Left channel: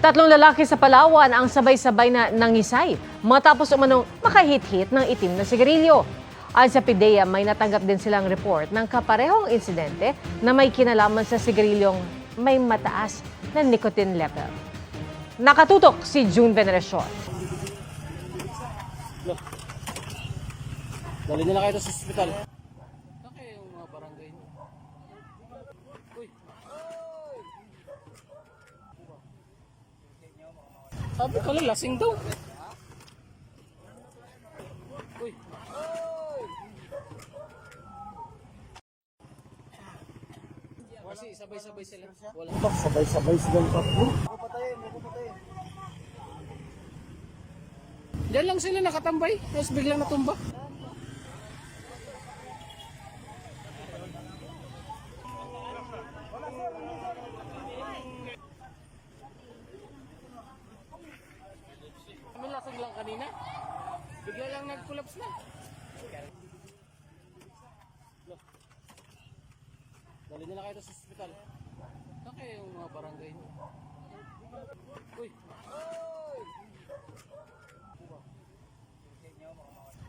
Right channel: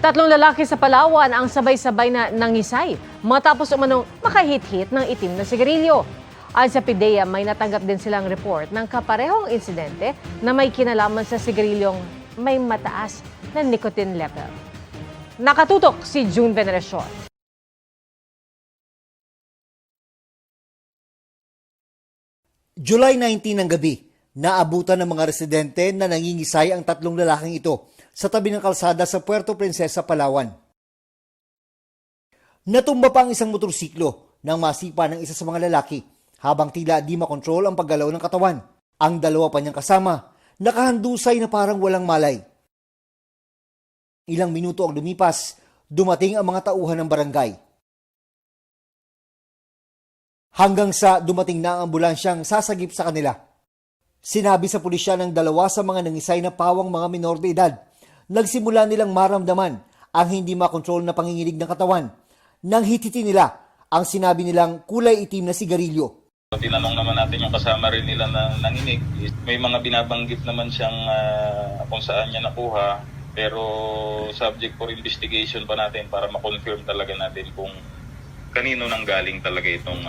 Tatlong lalaki sa Palawan ang sabay-sabay na nangisay matapos umanong makahit-hit ng itim na sigarilyo. Ayon sa PIDEA, may natanggap din silang report ng kaparehong insidente na may kinalaman sa sigarilyong may mataas na nicotine level. Nakatutok si June Veneracion. Dali nila kayo sa ospital. July 19 ng gabi, naabutan ng mga residente na nangingisay ang tatlong lalaking ito sa tabi ng kalsada sa Puerto Princesa, Palawan. Sabi ko lang, lasing daw. Natumba pa ang isang motorsiklo nang masipa ng isa sa mga lalaki habang tila di makontrol ang paggalaw ng katawan. Ang dalawa pa niyang kasama, nakahandusay na parang walang malay. Sabay-sabay silang tatlo. Ilang minuto ang lumipas, dumating ang mga tauhan ng barangay. Diyan lang sila nakatambay, tapos biglang natumba. Hanggang sa dumating na ang ambulansyang sasagip sa kanila. Sinabi sa pulisya ng dalawa sa mga nangisay na pawang mga minor de edad, nagsimula nilang maramdaman ang hindi makontrol na panginginig ng katawan. Nang hititi nila ang sinabi nilang kulay itim na sigarilyo. Tinanong naman natin yung kasama rin nila na nanginig. May mga binabanggit naman siyang kung saan niya nakuha. Pero subject for investigation pa natin para ma-confirm talaga natin kung kanino nang galing talaga itong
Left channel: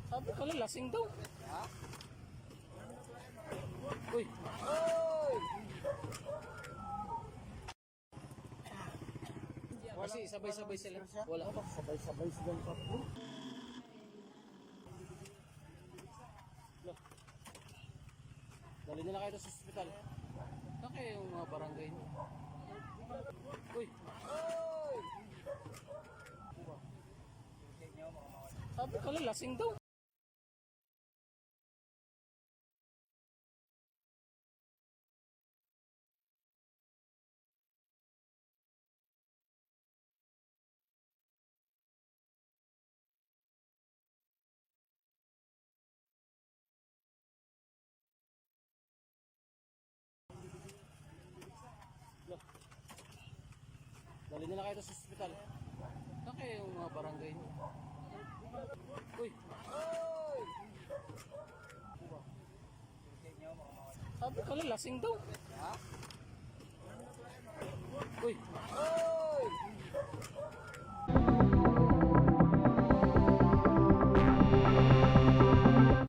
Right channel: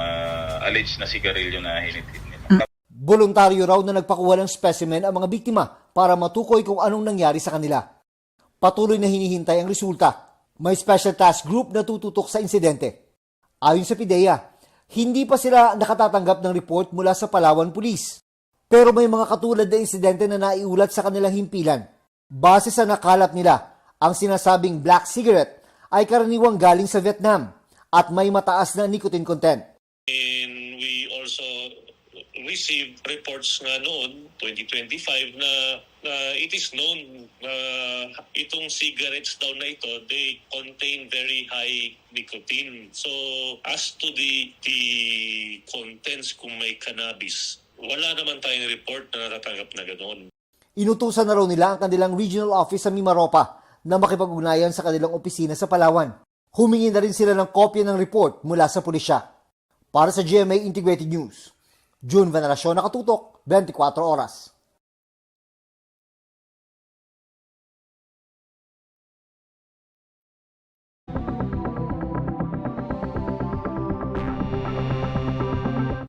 alleged na sigarilyo na hinitid nila. Voluntaryo raw na nagpakuha ng specimen ang mga biktima para matukoy kung anong nangyari sa kanila. Patuloy na hinihintay ang resulta. May special task group na tututok sa insidente. Ayon sa PIDEA, hindi pa sila nakatatanggap ng report mula sa Palawan Police. Pero may mga katulad na insidente na naiulat sa kanilang himpilan. Base sa nakalap nila, ang sinasabing black cigarette ay karaniwang galing sa Vietnam at may mataas na nicotine content. And we also received reports nga noon, 2025, na it is known na itong cigarettes daw na ito, they contain very high nicotine. So as to the contents kung may cannabis, wala naman tayong report na natatanggap na ganoon. Inutusan na raw nila ang kanilang regional office sa Mimaropa na makipag-ugnayan sa kanilang opisina sa Palawan. Humingi na rin sila ng kopya ng report mula sa pulisya. Para sa GMA Integrated News, June Veneracion, nakatutok, 24 oras. Lasing daw.